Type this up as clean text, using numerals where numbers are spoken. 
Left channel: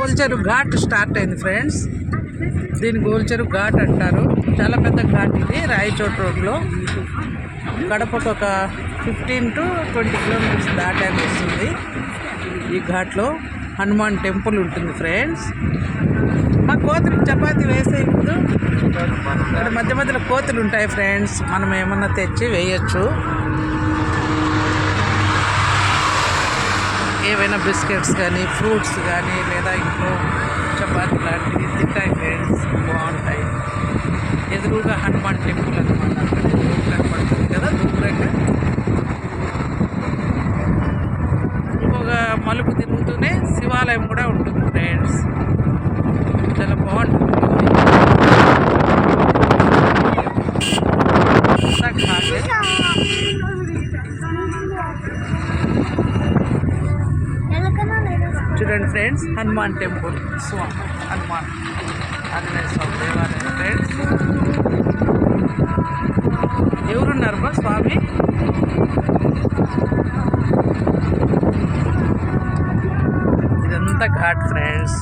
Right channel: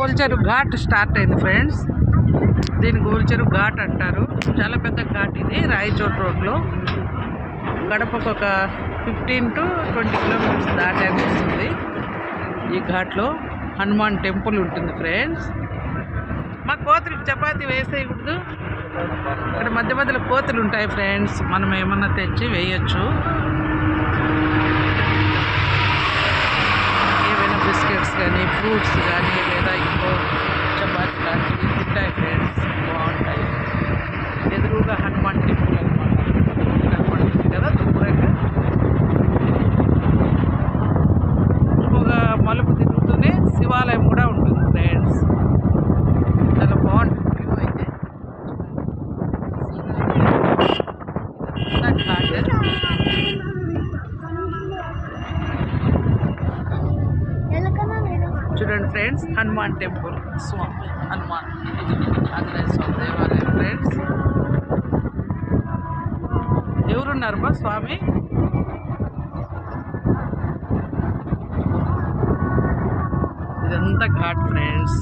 గోల్చెరు ghat start అయింది friends. దీన్ని గోల్చెరు ఘాట్ అంటారు. చాలా పెద్ద ఘాట్ ఇది, రాయచోట్ రోడ్లో. గడపకు ఒక 15 to 20 కిలోమీటర్స్ దాటాల్సి వస్తుంది. ఈ ఘాట్లో హనుమాన్ టెంపుల్ ఉంటుంది ఫ్రెండ్స్. మా కోతులు చపాతి వేసే ముందు ఇక్కడ మధ్య మధ్యలో కోతులు ఉంటాయి ఫ్రెండ్స్. మనం ఏమన్నా తెచ్చి వేయచ్చు. ఏవైనా బిస్కెట్స్ కానీ ఫ్రూట్స్ కానీ లేదా ఇంట్లో చపాతి లాంటివి తింటాయి ఫ్రెండ్స్, బాగుంటాయి. ఎదురుగా హనుమాన్ టెంపుల్ అనమాట. కదా దూరంగా ఇంకొక మలుపు తిరుగుతూనే శివాలయం కూడా ఉంటుంది ఫ్రెండ్స్. చాలా బాగుంటుంది. చూడండి ఫ్రెండ్స్, హనుమాన్ టెంపుల్, హనుమాన్ ఆంజనేయ స్వామి దేవాలయం ఫ్రెండ్స్. ఎవరున్నారు బా స్వామి? ఇదంతా ఘాట్ ఫ్రెండ్స్.